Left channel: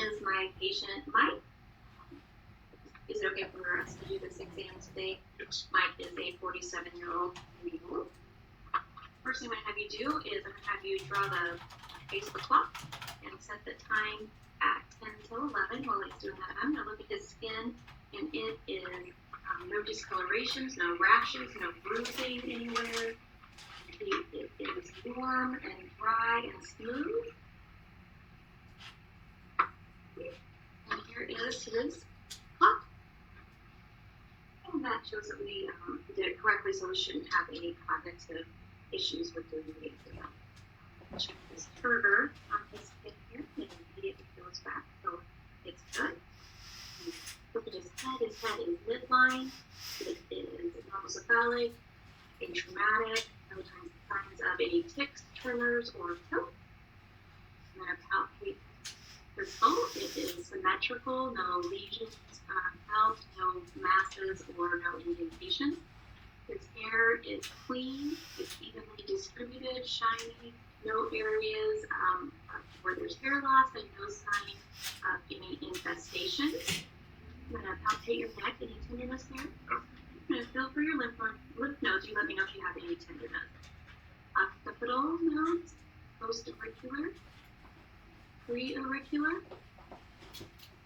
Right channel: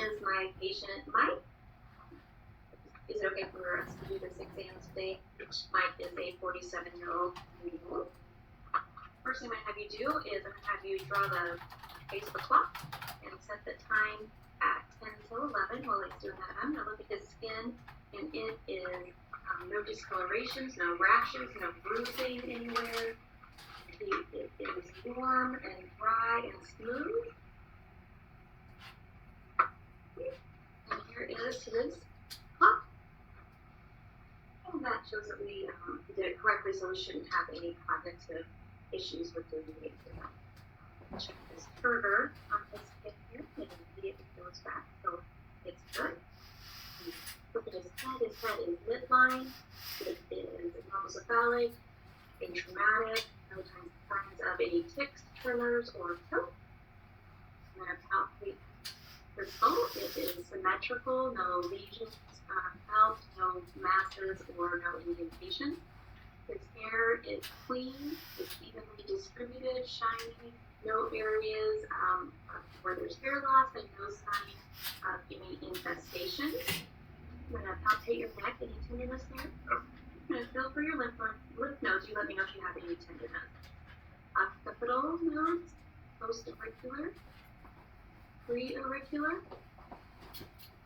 is my patient Mike. Is it okay for us to do this exam today? Yes. Mike is a 47-year-old male. First thing I'm going to have you do is I'm going to have you draw the face of the clock and set the time at 10 till 11 while he's doing that. I'm going to look at his skin, and it is no discolorations, no rashes, no bruising anywhere. It is warm and dry and smooth. And here is his clock. And that shows that we did it correctly, so we shouldn't have any cognitive issues with doing the exam. Check this turgor on his skin here, and immediately goes back, so it's good. Look at his head is midline, it is normocephalic, atraumatic, no signs of any tics, tremors, or choke. I'm going to palpate his bone. It is symmetrical, no lesions felt, no masses, or no indentations. His hair is clean, it's evenly distributed, shiny, no areas where there's hair loss, and no sign of any infestations. I'm going to palpate your neck. Any tenderness there? No. I'm going to feel for your lymph nodes. You let me know if you have any tenderness. Occipital nodes, post-auricular, pre-auricular,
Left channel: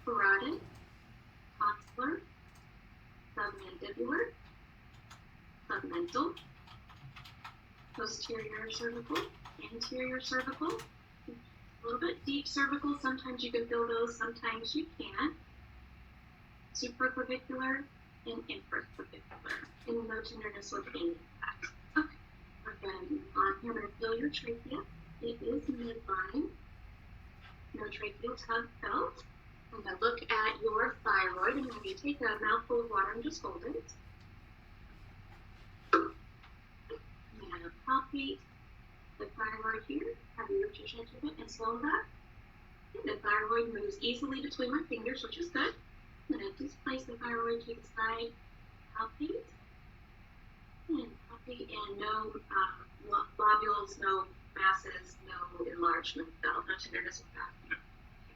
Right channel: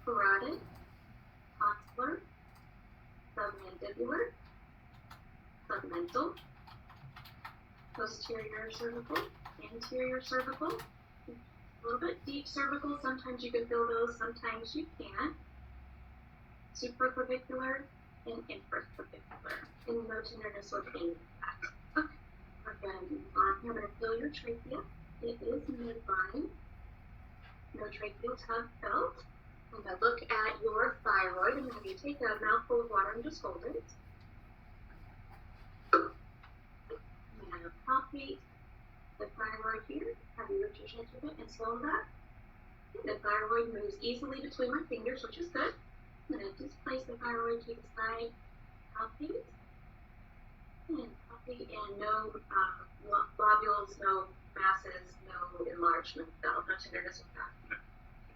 parotid, tonsillar, submandibular, submental, posterior cervical, anterior cervical, a little bit deep cervical. Sometimes you can feel those, sometimes you can't. Supraclavicular and infraclavicular, and no tenderness with any of that. Okay, I'm going to feel your trachea. It is midline. No tracheal tug felt. I'm going to look at your thyroid, and when you take a mouthful of water and just hold it. I'm going to palpate the thyroid here. Have you lift your chest a bit and swallow that? And the thyroid moves easily between my fingers, which is good. I'm going to displace the thyroid to the side, palpate, and no globules, no masses, no enlargement felt, no tenderness with that. Okay,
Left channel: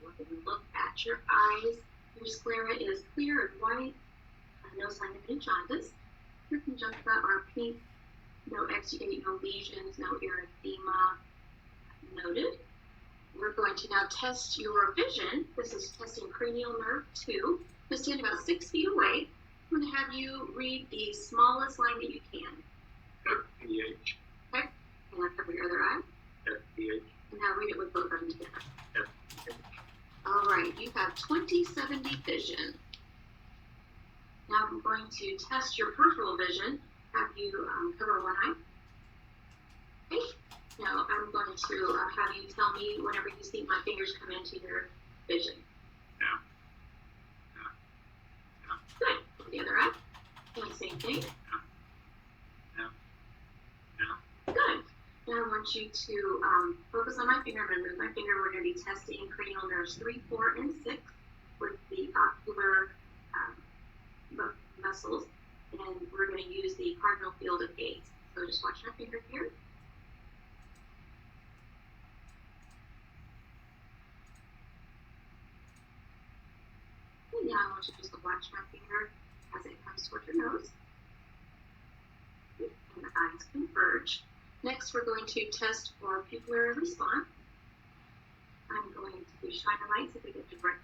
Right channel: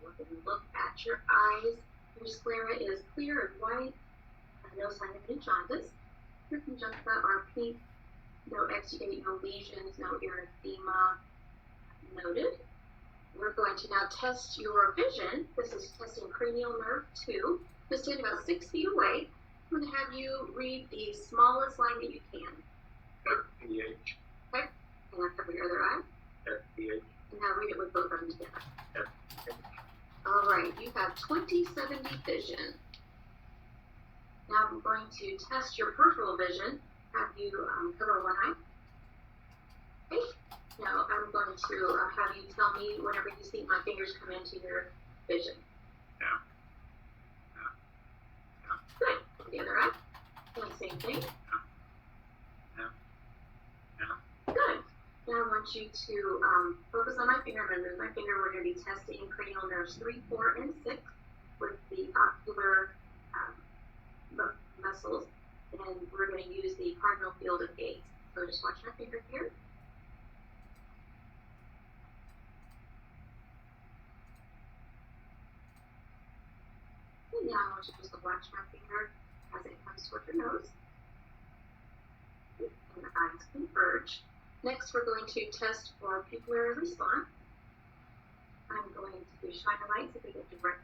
we're going to look at your eyes. Your sclera is clear and white, no sign of any jaundice. Your conjunctiva are pink, no exudate, no lesions, no erythema noted. We're going to now test your vision. This is testing cranial nerve 2. Just stand about 6 feet away. I'm going to have you read the smallest line that you can. FPH. Okay. And now cover your other eye. FPH. And now read it with both of them together. FPH. All right. You have 20/70 vision. Now I'm going to test your peripheral vision. Have you cover one eye. Okay. Now I'm going to have you tell me whenever you see my fingers come into your vision. Yeah. Good. The other eye. Doing the same thing. Good. Now I want you to focus on my finger. I'm going to move my finger. We're going to be testing cranial nerves 3, 4, and 6 with the ocular muscles, and we're going to use the cardinal field of gaze. So just watch my finger here. And now I want you just to watch my finger as it comes toward your nose. And the eyes converge. Next, we're going to test for pupillary response. I'm going to shine a light so we get direct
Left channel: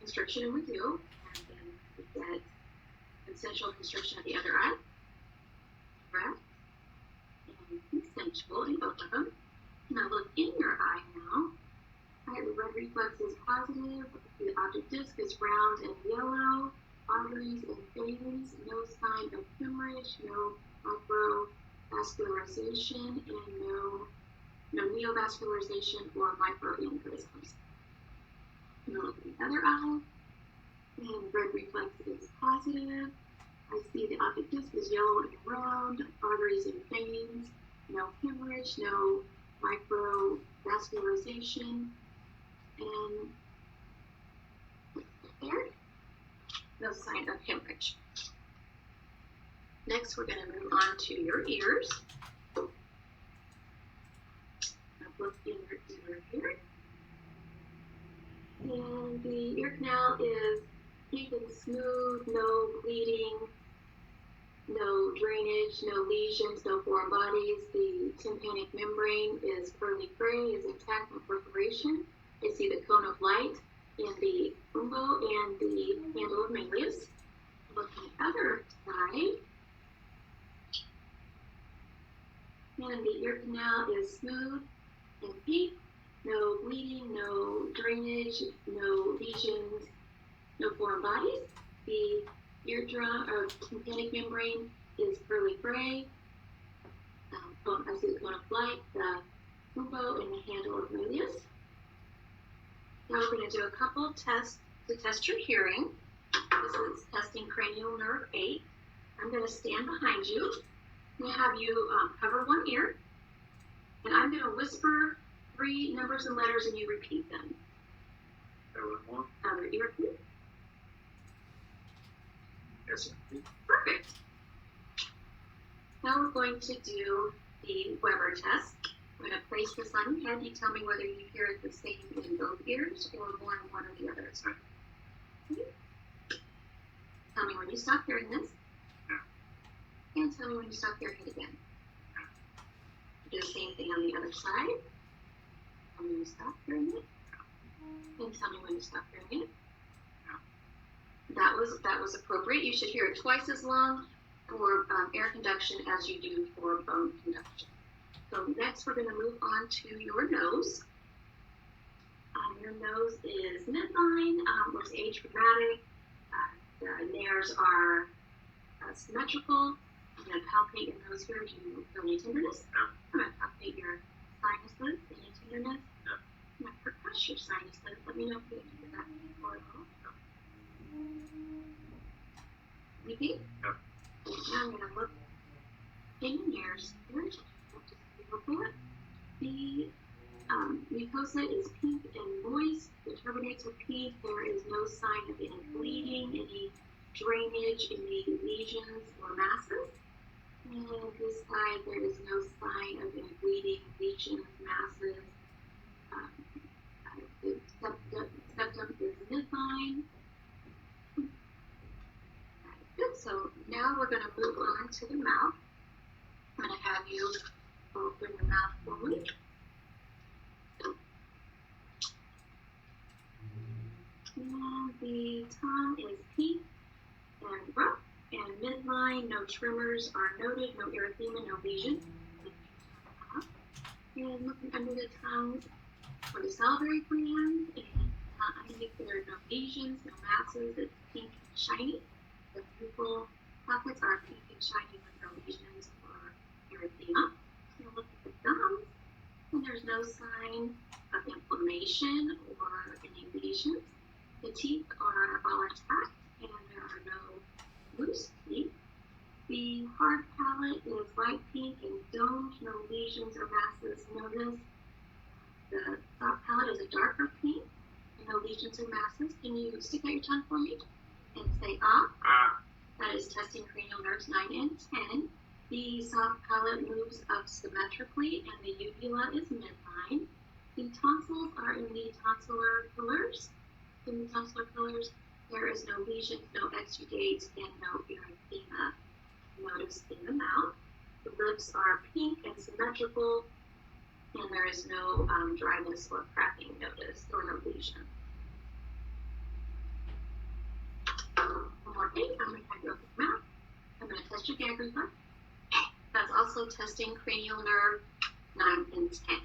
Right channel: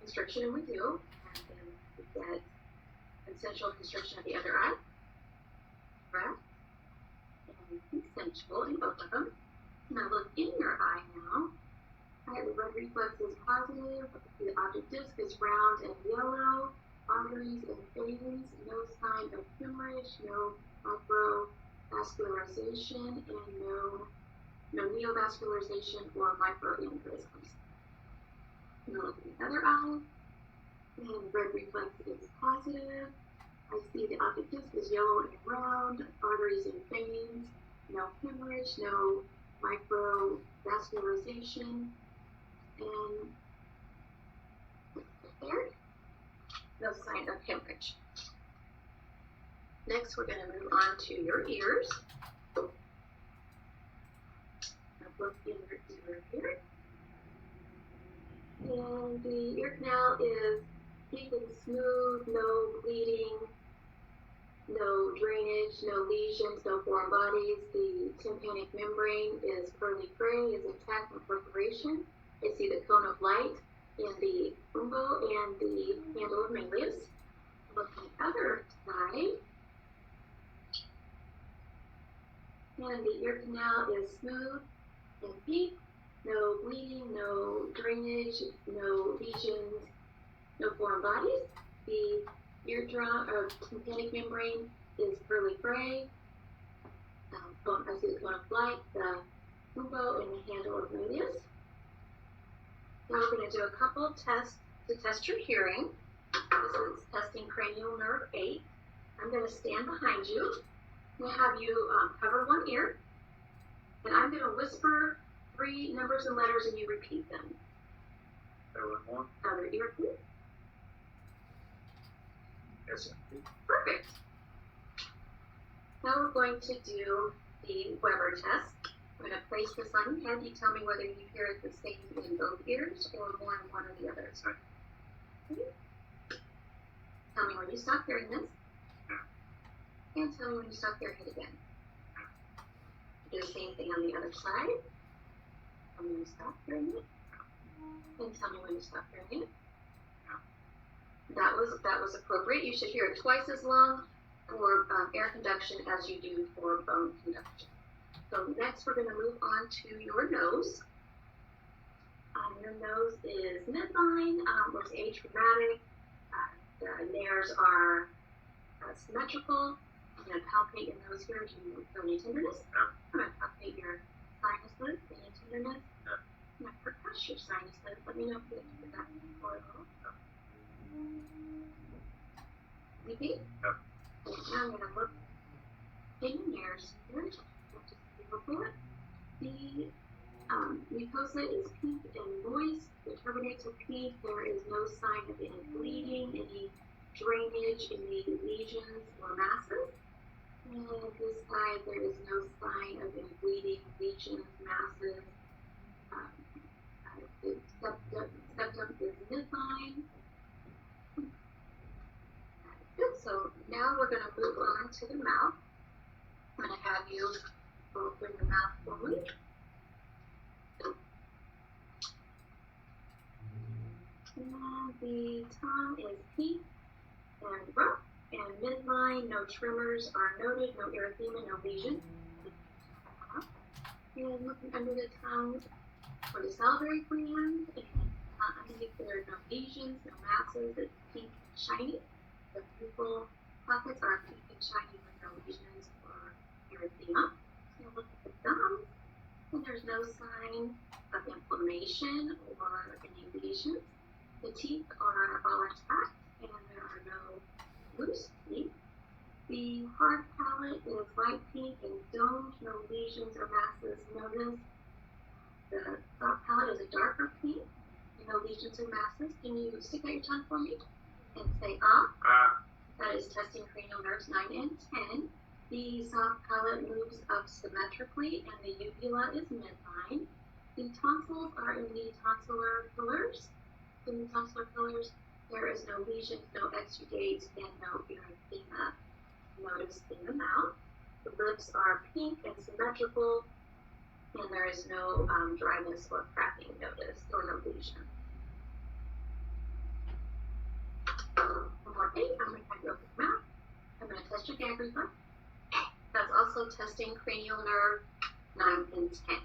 constriction, and we do. And then we get consensual constriction of the other eye. Direct and consensual in both of them. Now look in your eye now. Right, the red reflex is positive. The optic disc is round and yellow. Arteries and veins, no sign of hemorrhage, no microvascularization, and no neovascularization or microaneurysms. Now look at the other eye, and red reflex is positive. I see the optic disc is yellow and round, arteries and veins, no hemorrhage, no microvascularization, and there, no sign of hemorrhage. Next, we're going to move on to your ears. Now look in your ear here. And the ear canal is deep and smooth, no bleeding, no drainage, no lesions, no foreign bodies. The tympanic membrane is pearly gray, is intact, no perforation. I see the cone of light in the umbo and the handle of Malleus. Looking at the other side, and the ear canal is smooth and deep, no bleeding, no drainage, no lesions, no foreign bodies. The eardrum or tympanic membrane is pearly gray. I see the cone of light, the umbo, and the handle of Malleus. Now we're going to do a couple tests to test your hearing. This is testing cranial nerve 8. I'm going to stand behind you. I'm going to have you cover one ear, and I'm going to whisper 3 numbers and letters, and you repeat them. Other ear, please. Yes, sir. Perfect. Now we're going to do the Weber test. I'm going to place this on your head. You tell me whether you hear it the same in both ears or more in one or the other. Okay. Tell me when you stop hearing this. And tell me when you stop hearing it again. Do the same thing on the other side. Tell me when you stop hearing it. And tell me when you stop hearing it. That was appropriate. You should hear it twice as long for air conduction as you do for bone conduction. So next we're going to move on to your nose. Your nose is midline, looks achromatic. The nares are symmetrical. I'm going to palpate your nose here. Do you feel any tenderness? No. I'm going to palpate your sinuses. Any tenderness? No. I'm going to percuss your sinuses. Let me know if you can do that before at all. Sleepy? No. And now I'm going to look in your nares here. Just look at it. The mucosa is pink and moist. The turbinates are pink. There is no sign of any bleeding, any drainage, any lesions or masses. And this side, there is no sign of any bleeding, lesions, masses. The septum is midline. Good. So now we're going to move on to the mouth. I'm going to have you open your mouth fully. And the tongue is pink and rough and midline. No tremors are noted, no erythema, no lesion. And looking under the tongue for the salivary gland, and underneath there are no lesions, no masses. It's pink and shiny. The pupil pockets are pink and shiny with no lesions or erythema. And look at the gums, and there's no sign of inflammation or any lesions. The teeth are all intact, and there are no loose teeth. The hard palate is light pink and domed, no lesions or masses noticed. The soft palate is a darker pink, and no lesions or masses. Can you stick out your tongue for me and say ah? Ah. That is testing cranial nerves 9 and 10. The soft palate moves up symmetrically, and the uvula is midline. The tonsils are in the tonsillar pillars. In the tonsillar pillars, there is no lesions, no exudates, and no erythema noticed in the mouth. The lips are pink and symmetrical, and there is no dryness or cracking noticed, or no lesion. One more thing, I'm going to have you open your mouth. I'm going to test your gag reflex. That's also testing cranial nerve 9 and 10.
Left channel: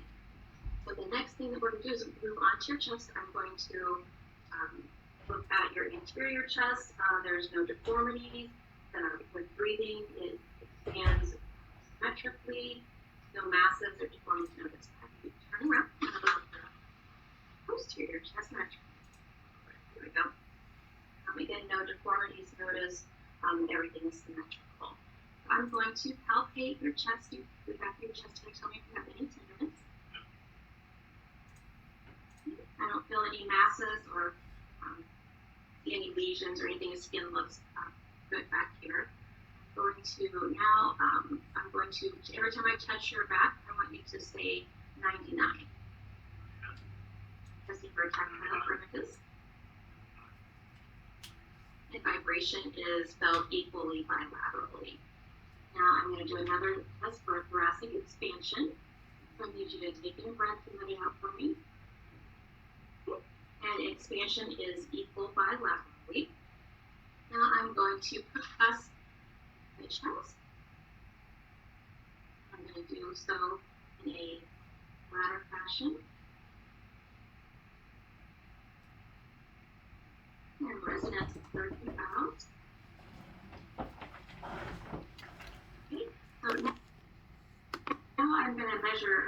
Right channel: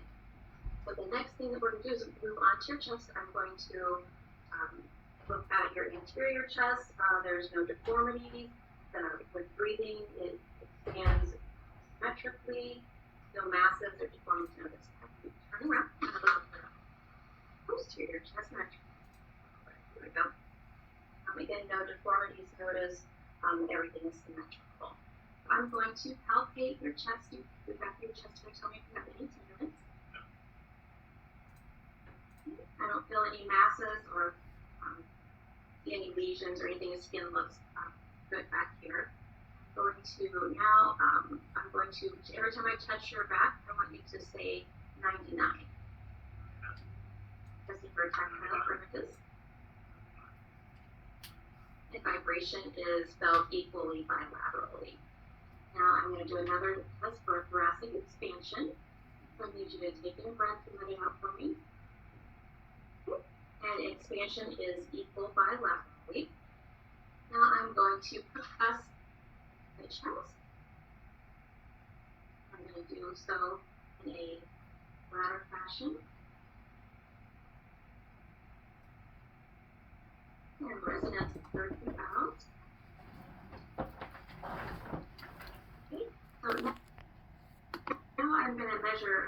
So the next thing that we're going to do is move on to your chest. I'm going to look at your interior chest. There's no deformities. With breathing, it expands symmetrically. No masses or deformities noticed. Turn around and look at the posterior chest metric. Here we go. Again, no deformities noticed. Everything is symmetrical. I'm going to palpate your chest. You back your chest here. Tell me if you have any tenderness. I don't feel any masses or see any lesions or anything. The skin looks good back here. I'm going to now, I'm going to, every time I touch your back, I want you to say 99. testing for tactile parameters. And vibration is felt equally bilaterally. Now I'm going to do another test for thoracic expansion. So I need you to take in a breath and let it out for me. And expansion is equal bilaterally. Now I'm going to compress the chest. I'm going to do so in a ladder fashion. And resonance third out. Okay, so now I'm going to measure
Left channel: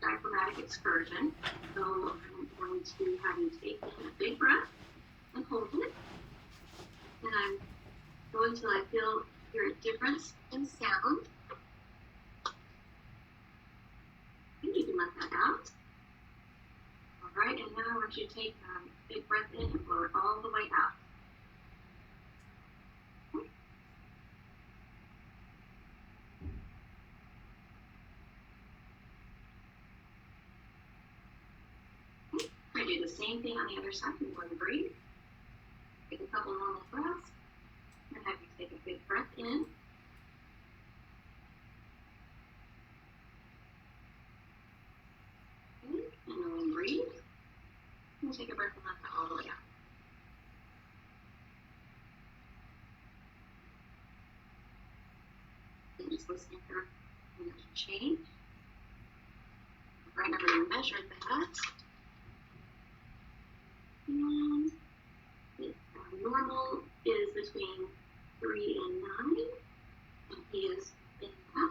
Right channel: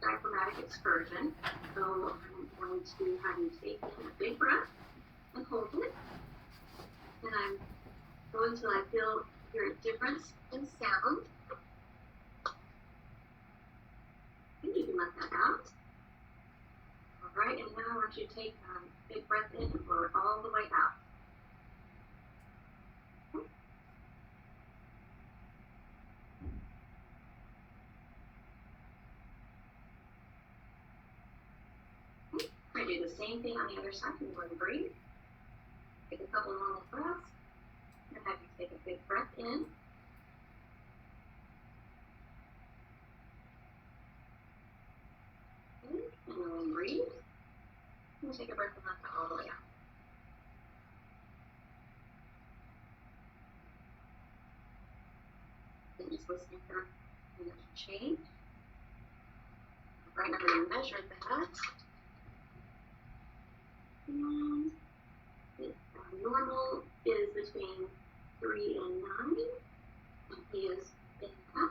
diaphragmatic excursion. So I'm going to have you take in a big breath and hold it. And I'm going till I hear a difference in sound. And you can let that out. All right, and now I want you to take a big breath in and blow it all the way out. I do the same thing on the other side. I'm going to breathe. Take a couple normal breaths. And have you take a big breath in. Okay. And then breathe. And take a breath and let that all the way out. And just listening for the change. Right now I'm going to measure that. And normal is between 3 and 9, and he is in that.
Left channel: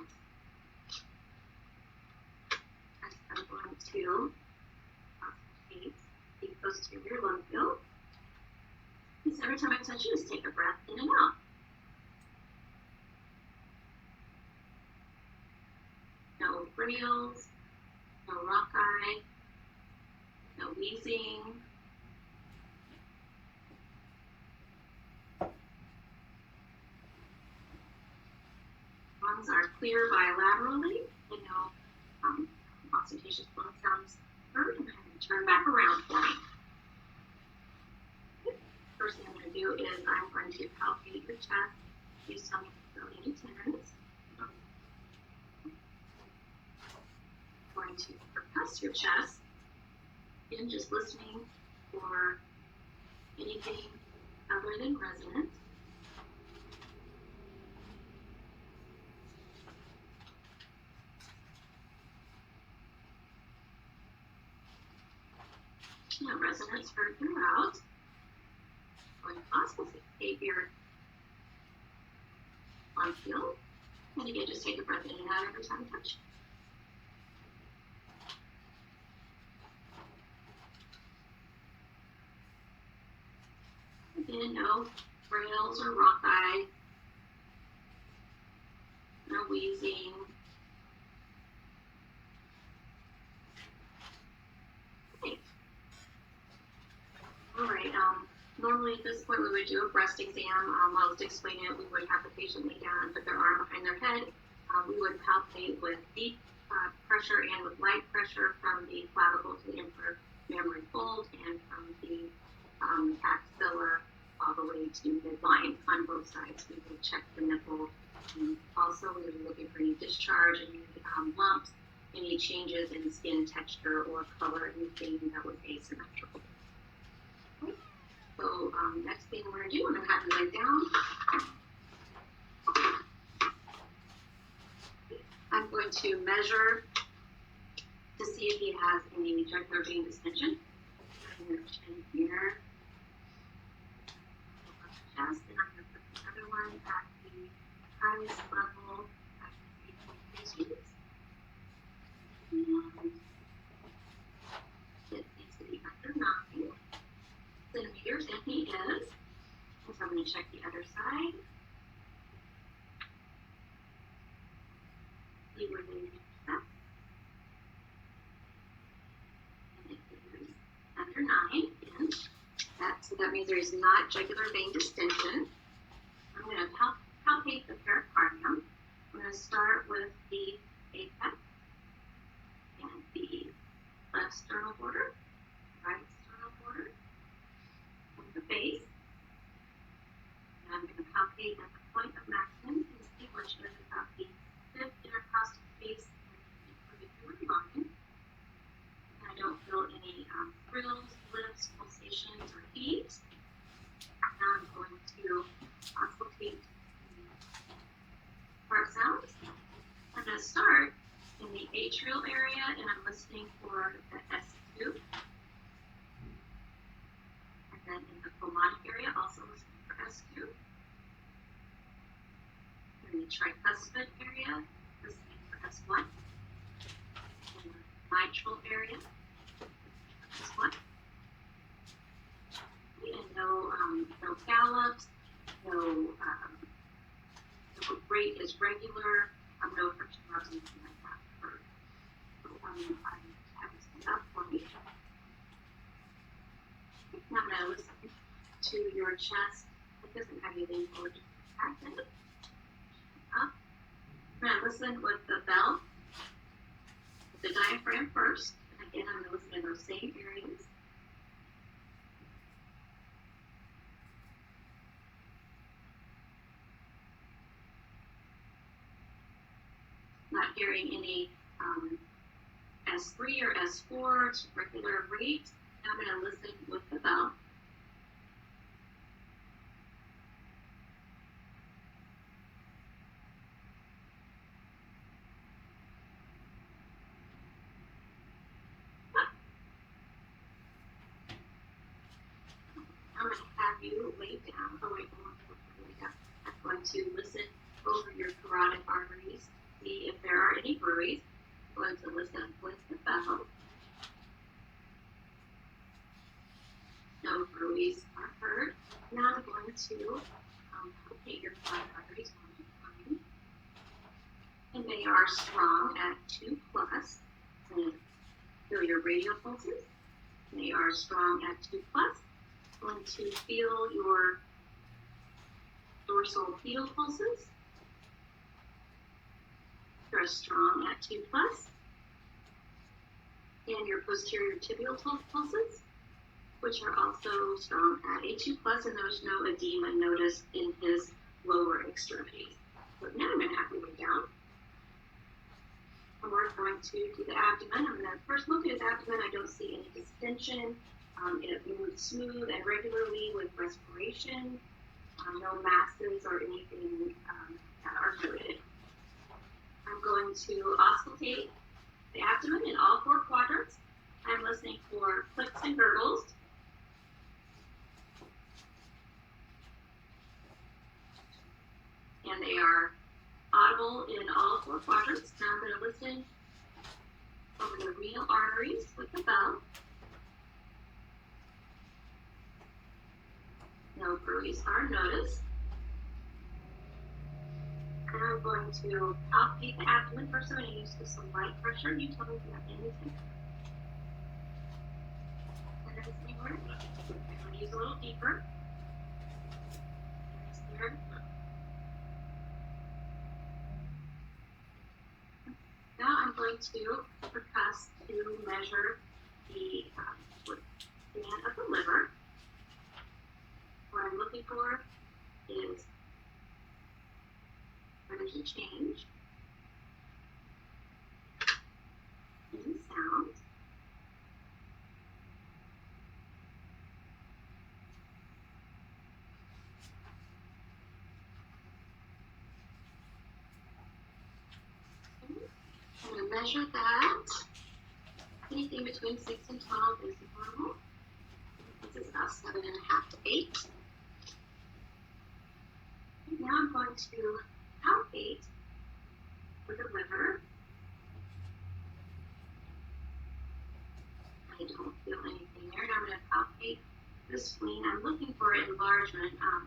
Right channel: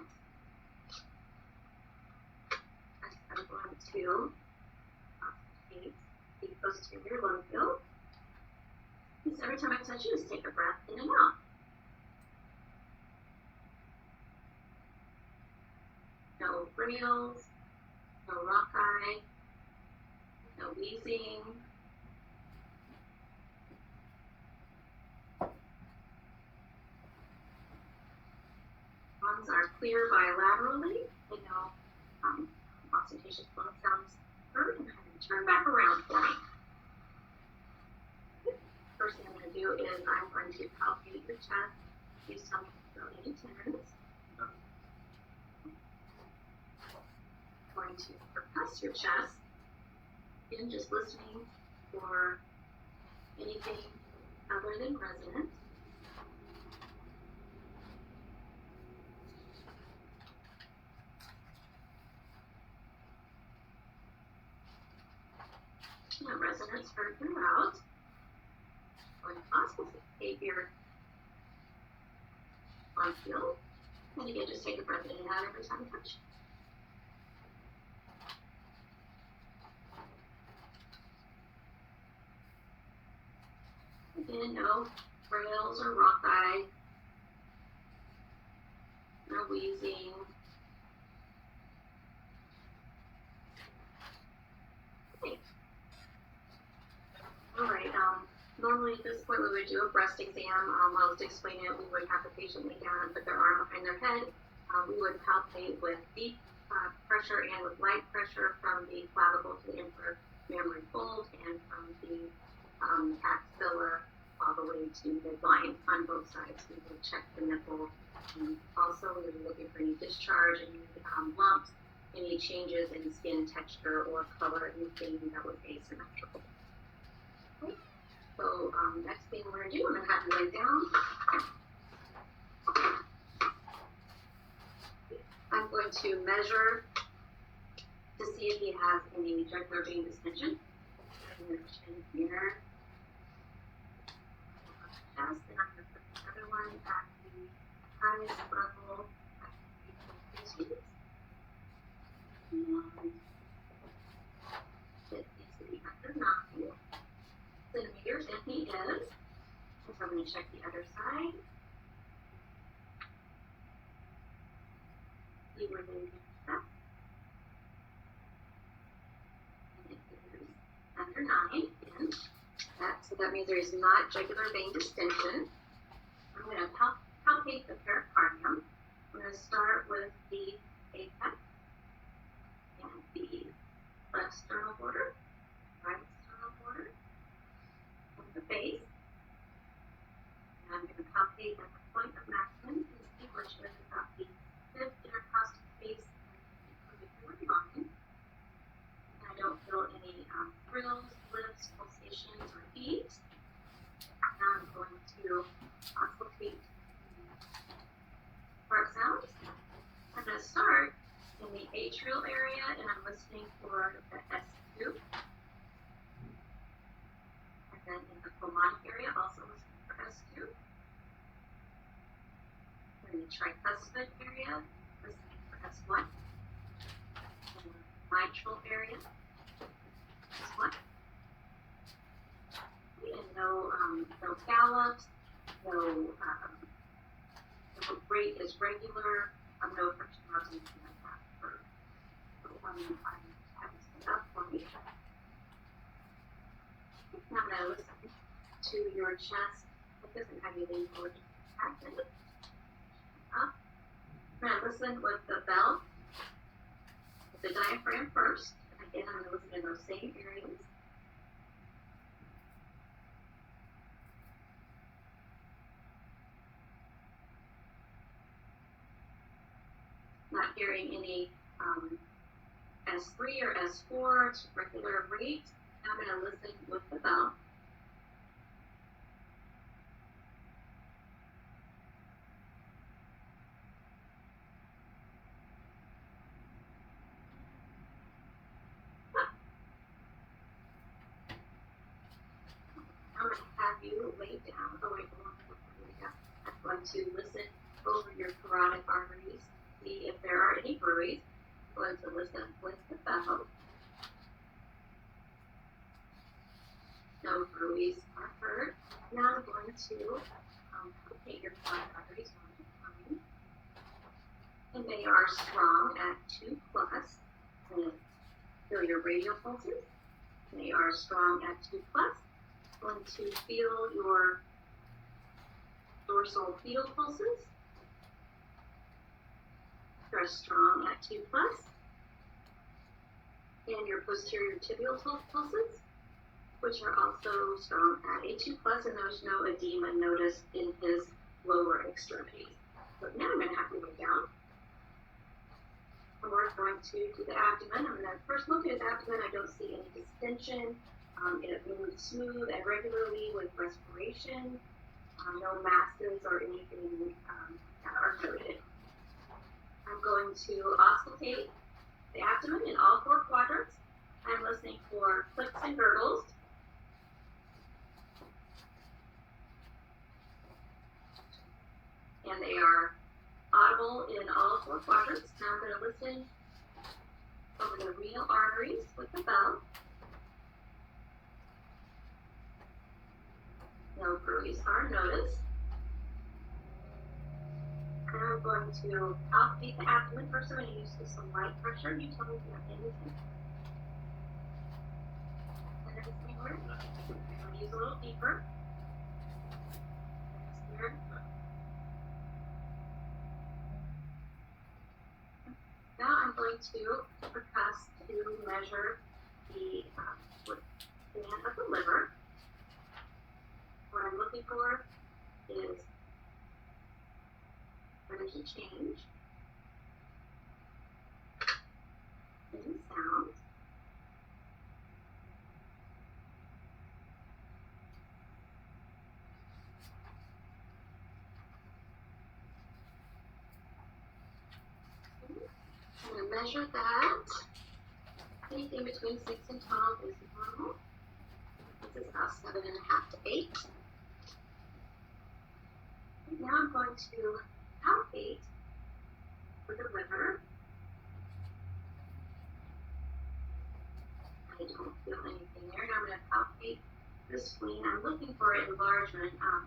I'm going to concentrate the posterior lung field. So every time I touch you, just take a breath in and out. No frills, no rock eye, no wheezing. Lungs are clear bilaterally, and no ostentatious lung sounds heard, and then turn back around for me. First thing I'm going to do is I'm going to palpate your chest. Use some to fill any tendons. I'm going to compress your chest, and just listening for anything other than resonance. Now resonance heard throughout. Going to auscultate your lung field. And again, just take a breath in and out every time you touch. Again, no frills or rock eye. No wheezing. Okay. All right. Normally at this point we would do a breast exam. While I was explaining it, we would have the patient lay down and put their arm behind their head. We would palpate with deep pressure and with light pressure from the clavicle to the inframammary fold and from the axilla all the way to midline on both sides. We would check the nipple. Also, we would be looking for any discharge, any lumps, any changes in skin texture or color, anything that was asymmetrical. Okay. So next thing we're going to do, I'm going to have you lay down. I'm going to measure to see if he has any jugular vein distension. I'm going to chin here. Chest, and I'm going to put the other one at the highest level at 3.2 inches. And it needs to be under 9 centimeters, and he is. And so I'm going to check the other side. He remains up. And it is under 9 inch. So that means there is not jugular vein distension. I'm going to palpate the pericardium. I'm going to start with the apex and the left sternal border, right any thrills, lifts, pulsations, or heat. Now I'm going to auscultate heart sounds. I'm going to start in the atrial area, and I'm listening for the S2. And then in the pulmonic area, also listening for S2. In the tricuspid area, listening for S1. In the mitral area, S1. And no gallops, no the rate is regular, no friction marks, anything like that. I'm having set up for me. Now I'm going to listen to your chest. It doesn't have you lean forward, just contract it. Up. I'm going to listen with the bell, with the diaphragm first. And again, I'm going to listen in those same areas. Not hearing any S3 or S4, it's regular rate. Now I'm going to listen with the bell. I'm going to have you lay down. Oh, wait, I'm going to listen over your carotid arteries, see if there are any bruits. I'm going to listen with the bell. No bruits are heard. Now I'm going to palpate your carotid arteries one at a time. And they are strong at 2 plus. And feel your radial pulses. They are strong at 2 plus. I'm going to feel your dorsal pedal pulses. They're strong at 2 plus. And your posterior tibial pulses, which are also strong at a 2 plus, and there's no edema noticed in his lower extremities. But now I'm going to have you lay down. And we're going to do the abdomen. I'm going to first look at his abdomen. I don't see any distension. It moves smooth and regularly with respiration. No masses or anything that are noted. I'm going to auscultate the abdomen in all 4 quadrants. I'm listening for clicks and gurgles. And they are audible in all 4 quadrants. Now I'm going to listen over the renal arteries with the bell. No bruits are noticed. And I'm going to palpate the abdomen. First, I'm going to use just some light pressure. You tell me if you have anything. And then anywhere. I'm going to use a little deeper. Here. Now I'm going to percuss to measure the span of the liver. What I'm looking for is energy change in sound. I'm going to measure that. Anything between 6 and 12 is normal. This is about 7.5 to 8. And now I'm going to palpate for the liver. I don't feel anything there. Now I'm going to palpate the spleen. I'm looking for enlargement on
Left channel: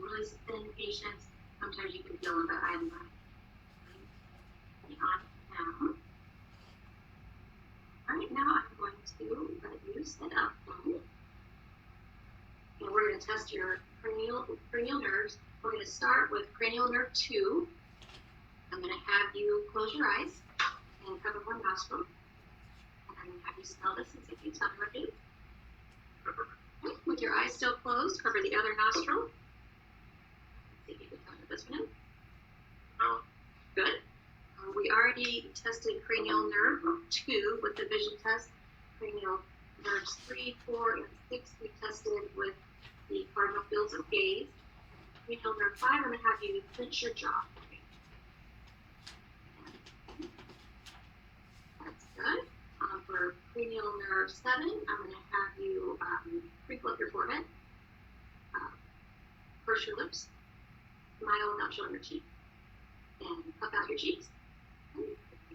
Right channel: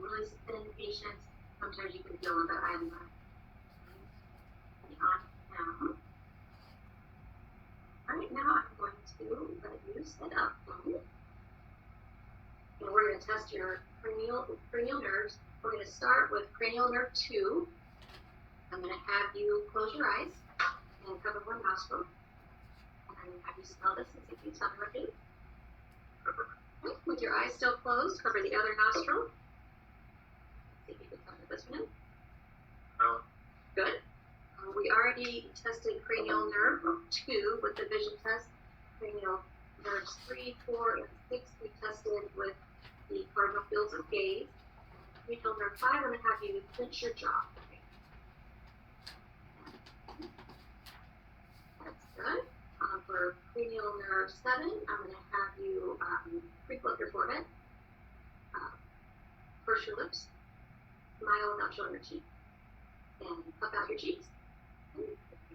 really thin patients. Sometimes you can feel them, but I'm not. On now. All right, now I'm going to let you sit up. And we're going to test your cranial nerves. We're going to start with cranial nerve 2. I'm going to have you close your eyes and cover one nostril. And I'm going to have you smell this and see if you tell me what it is. Okay, with your eyes still closed, cover the other nostril. See if you can tell me this one is. No. Good. We already tested cranial nerve 2 with the vision test. Cranial nerves 3, 4, and 6 we tested with the cardinal fields of gaze. Cranial nerve 5, I'm going to have you clench your jaw. That's good. For cranial nerve 7, I'm going to have you crinkle up your forehead, purse your lips, smile without showing your teeth, and puff out your cheeks.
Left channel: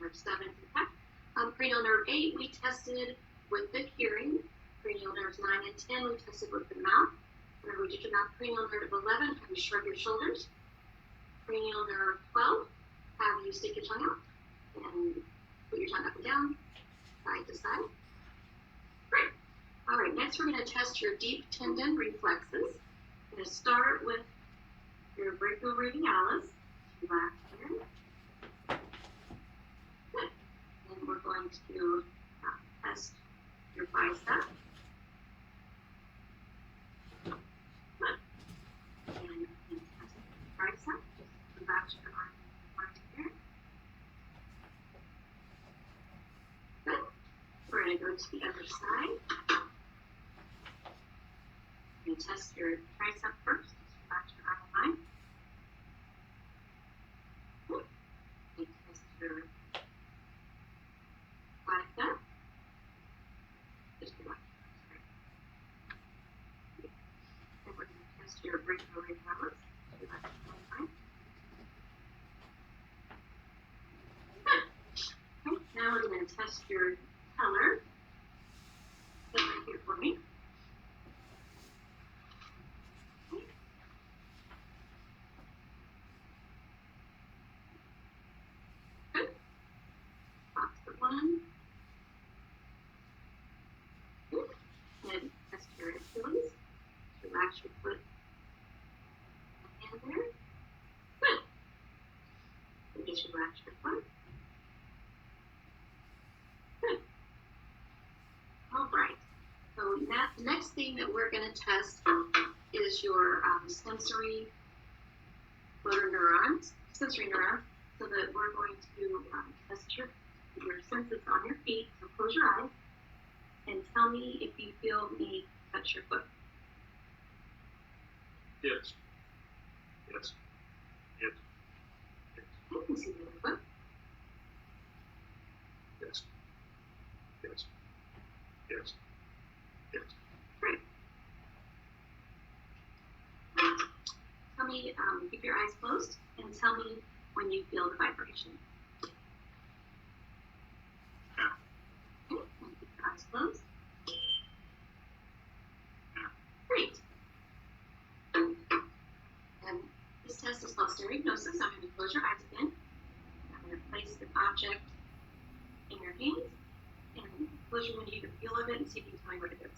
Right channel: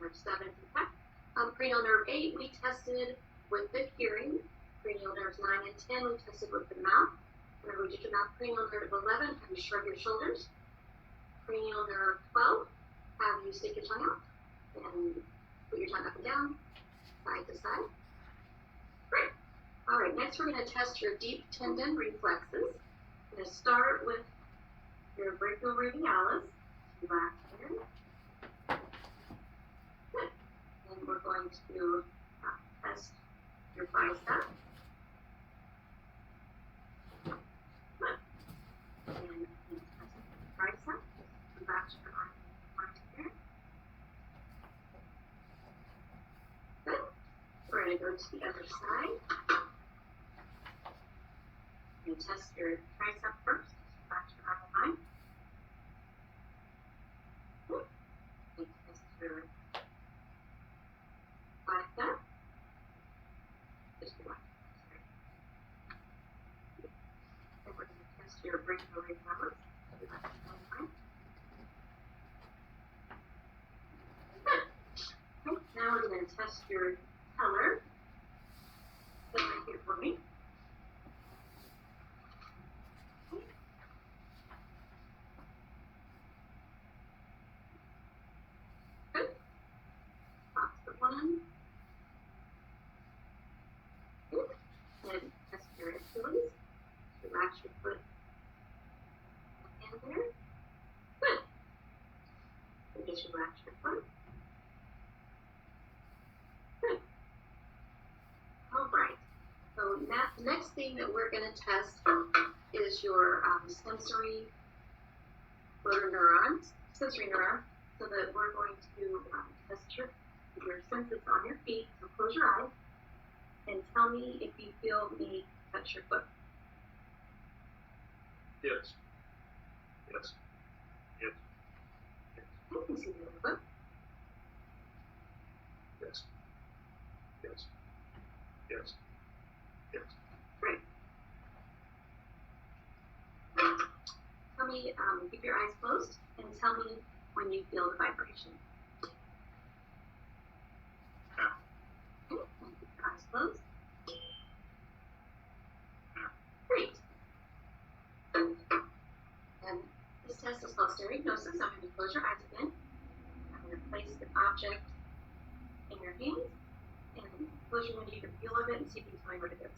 Nerve 7 is intact. Cranial nerve 8, we tested with the hearing. Cranial nerves 9 and 10, we tested with the mouth. Whenever we did your mouth, cranial nerve 11, have you shrug your shoulders. Cranial nerve 12, have you stick your tongue out and put your tongue up and down, side to side. Great. All right, next we're going to test your deep tendon reflexes. I'm going to start with your brachioradialis. Relax there. Good. And we're going to test your bicep. Good. And test your tricep. Just relax your arm here. Good. We're going to go to the other side. And test your tricep first. Just relax your arm line. Good. And test your bicep. Just relax. And we're going to test your brachioradialis. Relax your arm line. Good. Okay. Now we're going to test your patellar. Sit right here for me. Good. Box the one. Good. And test your Achilles. Relax your foot and there. Good. And just relax your foot. Good. All right. So the next thing that we're going to test is your sensory motor neurons, so that we're going to test your senses on your feet. So close your eyes and tell me if you feel me touch your foot. Yes. Yes. Yes. Yes. I can see your foot. Yes. Yes. Yes. Yes. Great. Tell me, keep your eyes closed and tell me when you feel the vibration. Yeah. Okay, and keep your eyes closed. Yeah. Great. And this test is called stereognosis. I'm going to close your eyes again. I'm going to place the object in your hands and close your window. You can feel of it and see if you can tell me what it is.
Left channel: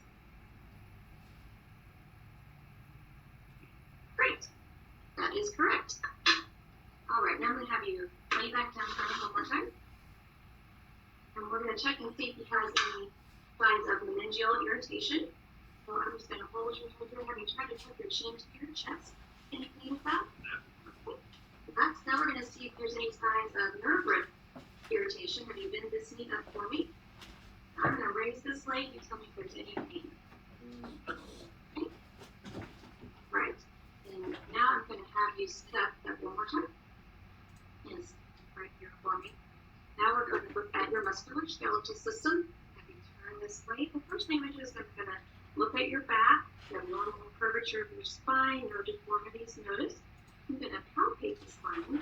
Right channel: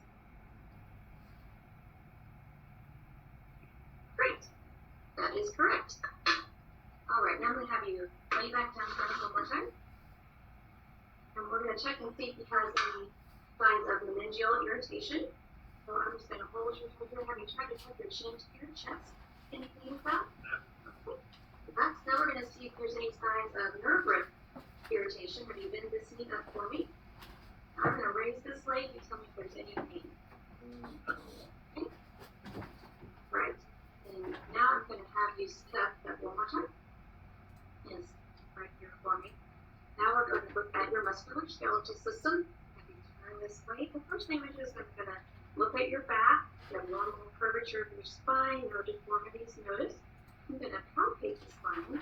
Great. That is correct. All right, now I'm going to have you lay back down for me one more time. And we're going to check and see if he has any signs of meningeal irritation. So I'm just going to hold your shoulder. Have you tried to tuck your chin to your chest? Anything with that? Okay. Now we're going to see if there's any signs of nerve root irritation. Have you bent this knee up for me? I'm going to raise this leg. You tell me if there's any pain. Okay. Right. And now I'm going to have you sit up one more time. Yes, right here for me. Now we're going to look at your musculoskeletal system. Have you turn this way? The first thing we do is I'm going to look at your back, the normal curvature of your spine, no deformities noticed. I'm going to palpate the spine.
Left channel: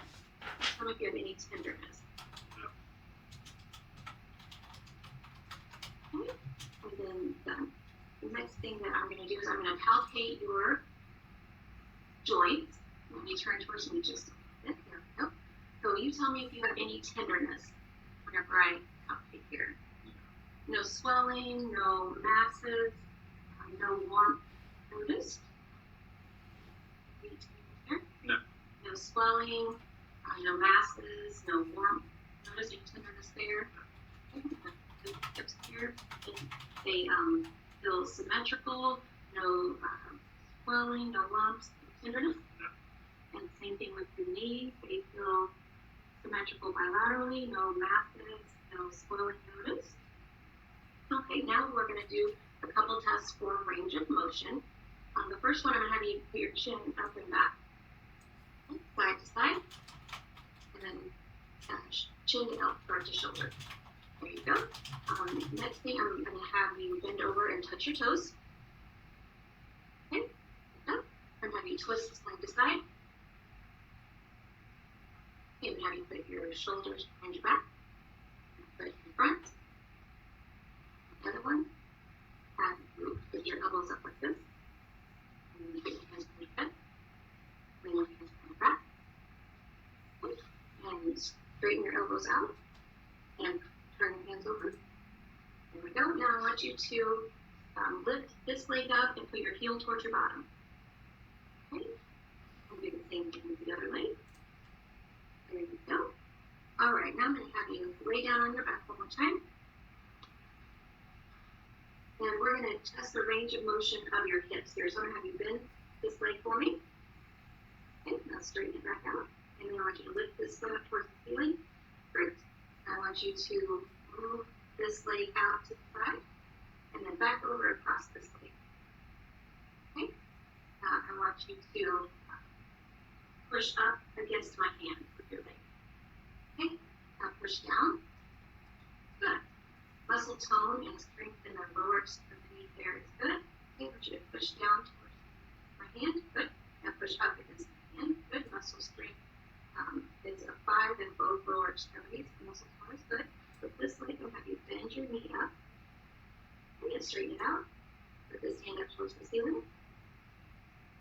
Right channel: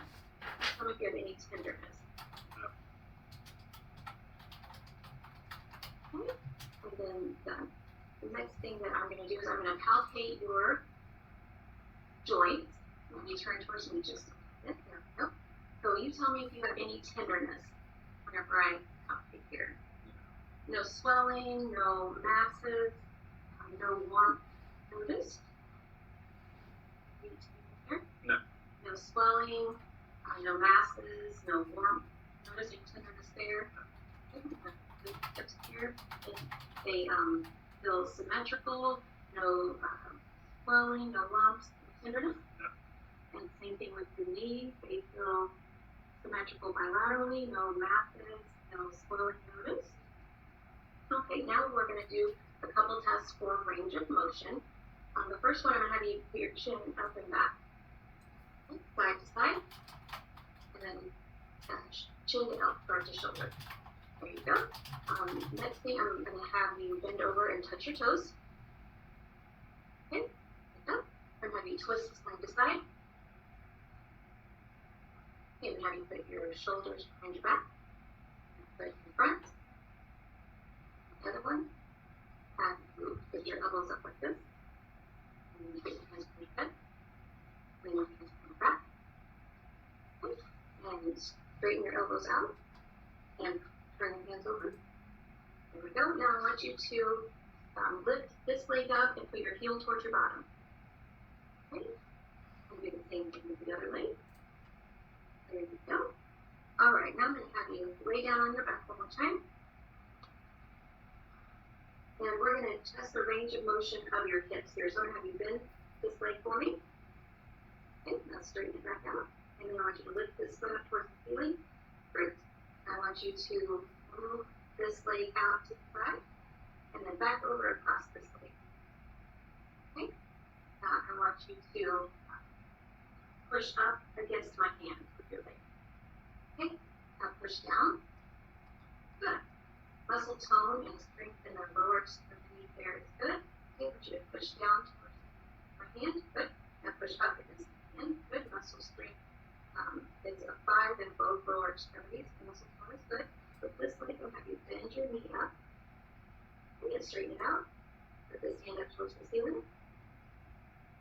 Tell me if you have any tenderness. Okay. And then the next thing that I'm going to do is I'm going to palpate your joints. Let me turn towards me just a bit. There we go. So you tell me if you have any tenderness whenever I palpate here. No swelling, no masses, no warmth noticed. No. No swelling, no masses, no warmth noticed. Any tenderness there. Hips here. They feel symmetrical, no swelling, no lumps, no tenderness. No. And same thing with the knees. They feel symmetrical bilaterally, no masses, no swelling noticed. Okay, now now we're going to do a couple tests for range of motion. The first one, I'm going to have you put your chin up and back, side to side, and then chin to elbow, front to shoulder. There you go. Next thing, I'm going to have you bend over and touch your toes. Okay, I'm going to have you twist side to side. Okay, I'm going to have you put your shoulders behind your back, foot in front. The other one, have you put your elbows up like this. And you put your hands behind your head. Then your hands behind your back. Okay. And straighten your elbows out. And turn your hands over. There we go. Now I want you to lift this leg up and put your heel towards your bottom. Okay. And do the same thing with the other leg. There you go. All right. Now I'm going to have you lay down on your back one more time. And we're going to test the range of motion of your hips here. So I'm going to have you bend this leg for me. Okay, now straighten it back out. And then I want you to lift this foot up towards the ceiling. Great. I want you to move this leg out to the side and then back over across this leg. Okay. Now I want you to push up against my hand with your leg. Okay. Now push down. Good. Muscle tone and strength in the lower extremity there is good. Okay, I want you to push down towards my hand. Good. Now push up against my hand. Good. Muscle strength is a 5 in both lower extremities. The muscle tone is good. With this leg, I'll have you bend your knee up. And straighten it out. Put this hand up towards the ceiling.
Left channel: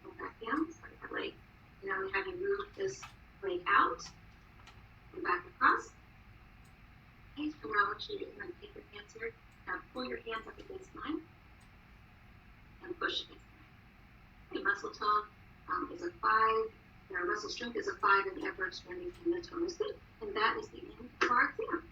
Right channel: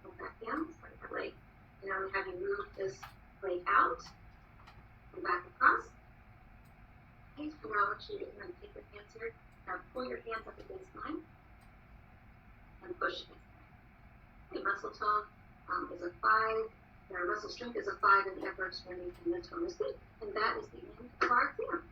Go back down. Slide that leg. And now I'm going to have you move this leg out. And back across. Okay, so now I want you to take your hands here. Now pull your hands up against mine and push against mine. Okay, muscle tone is a 5. Our muscle strength is a 5 in the upper extremities, and the tone is good. And that is the end of our exam.